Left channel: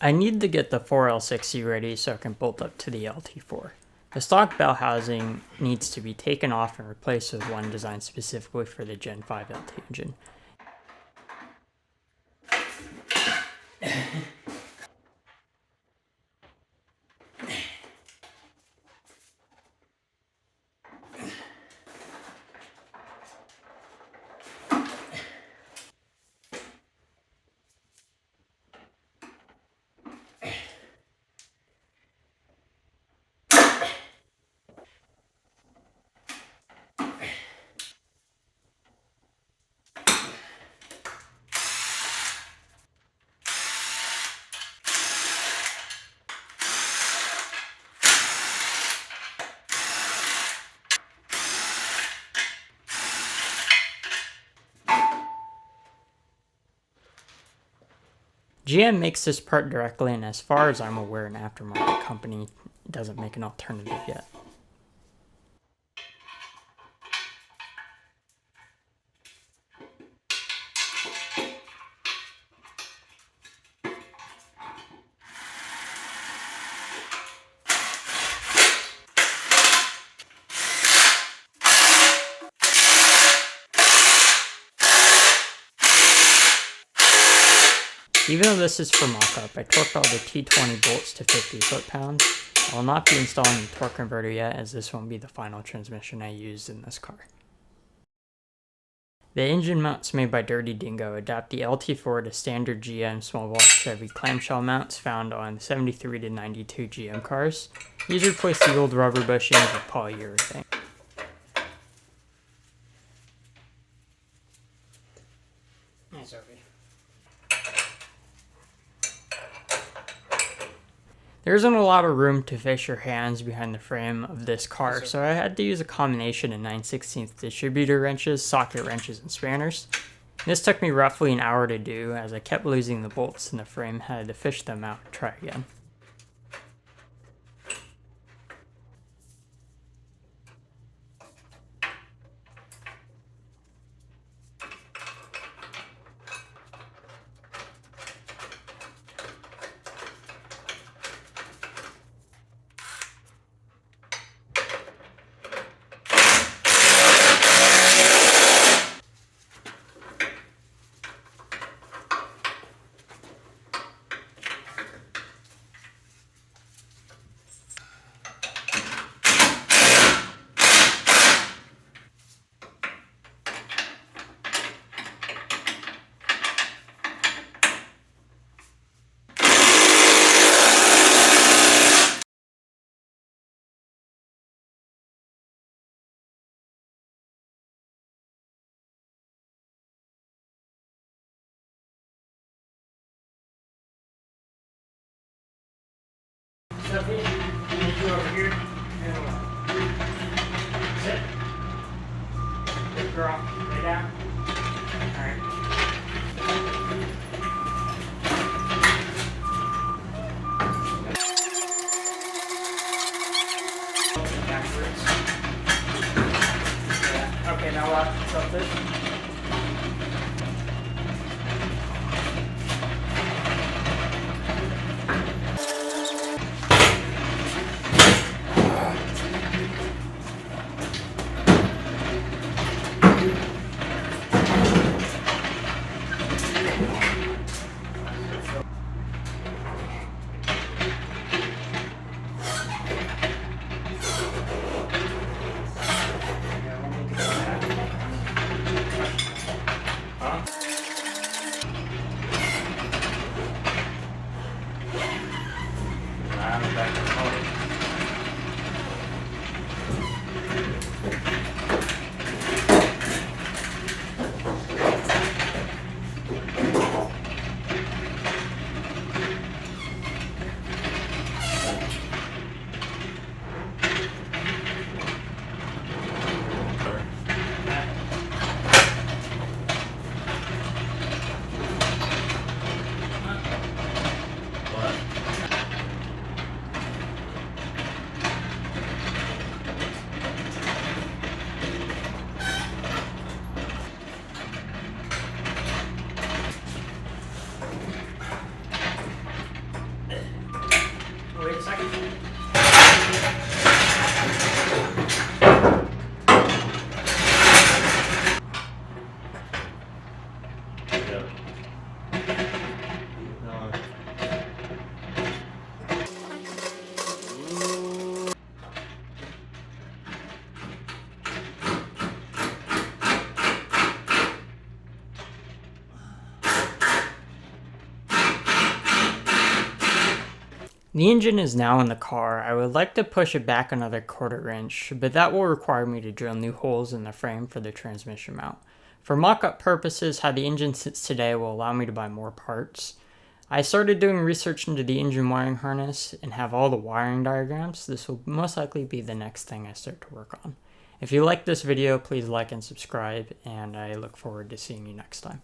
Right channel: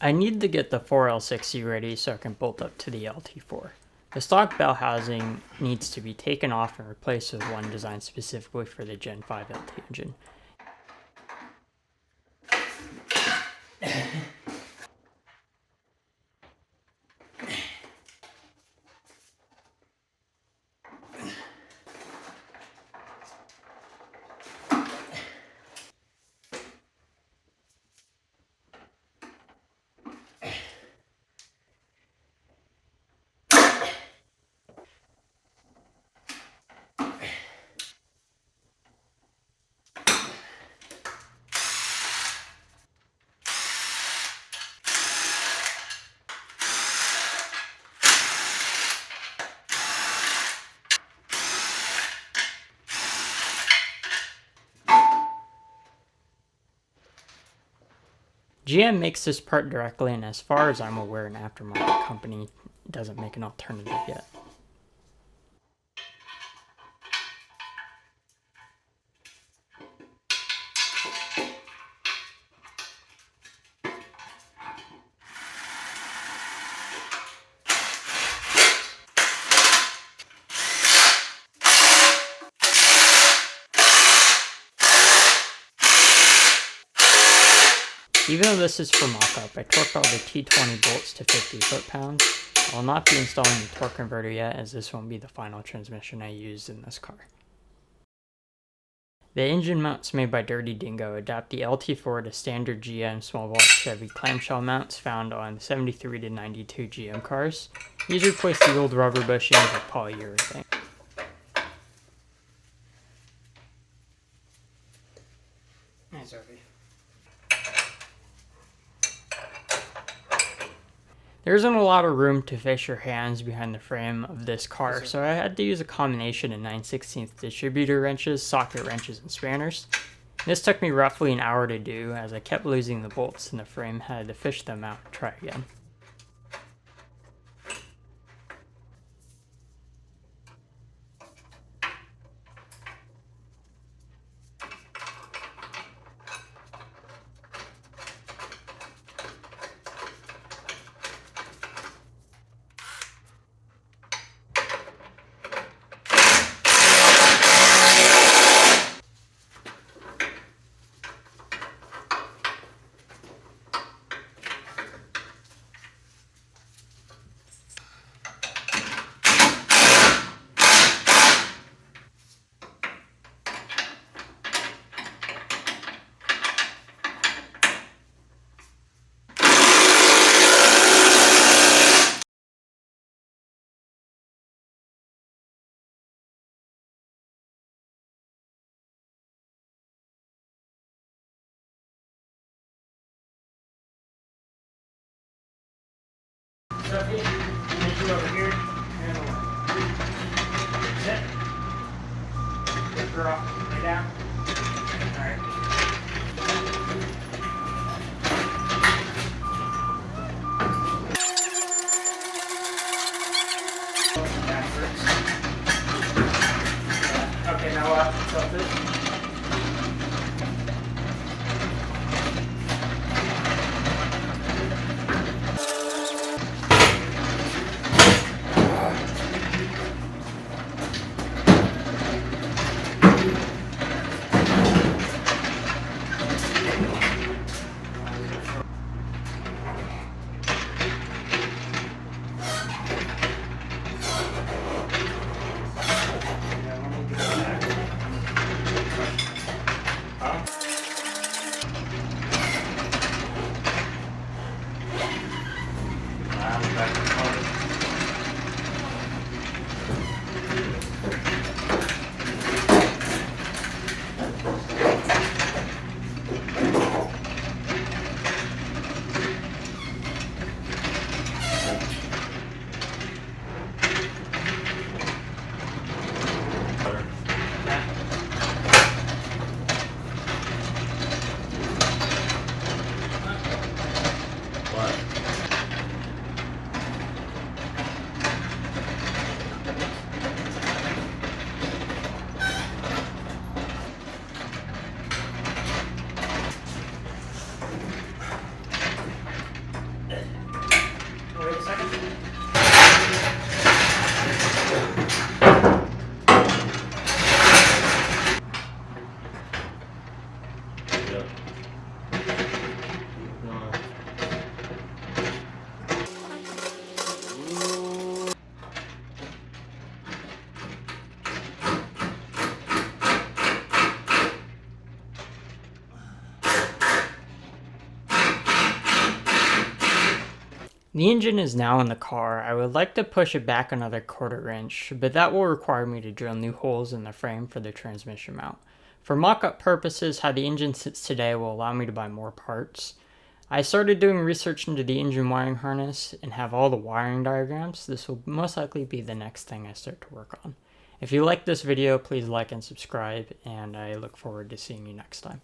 I need to get the 4L6C ready so I can bolt up to the LT4. The stock bell housing needs to be taken off and replaced with one designed specifically for the Gen V LT engine. GM makes this part directly, and as far as I'm aware, an aftermarket company doesn't make an alternative yet. Even though this is for mock-up, I torqued all the T20 bolts to 50 foot-pounds. I will not be installing the torque converter yet, as this won't be the final transmission I use in this car. The engine mounts made by Dirty Dingo adapt the LT4 to standard GM small block Chevy clamshell mounts found on 73 to 92 GM cars. These replace the old rubber bushings with polyurethane. Nice, Sophie. There isn't a lot of room to fish your hands behind the frame of this car, so I had to use a combination of 9/16 distributor wrenches, socket wrenches, and spanners. This took me roughly an hour to do, as I kept losing the bolts in the frame, had to fish them out and try again. Sophie, you over here, and away. Sit. Good girl. Lay down. Alright. Backwards. Yeah. Okay, now left. Tilt it. Yep. The engine is now in the car. I would like to push it back another 1/4 inch, but that will require me to drill new holes in the frame for the transmission mount. For mock-up purposes, how the engine sits today will allow me to buy more parts. I started doing research into the engine wiring harness and have all the wiring diagrams. This will most likely be the next thing I start to work on. If you like this video, please like and subscribe, and I look forward to seeing you next time.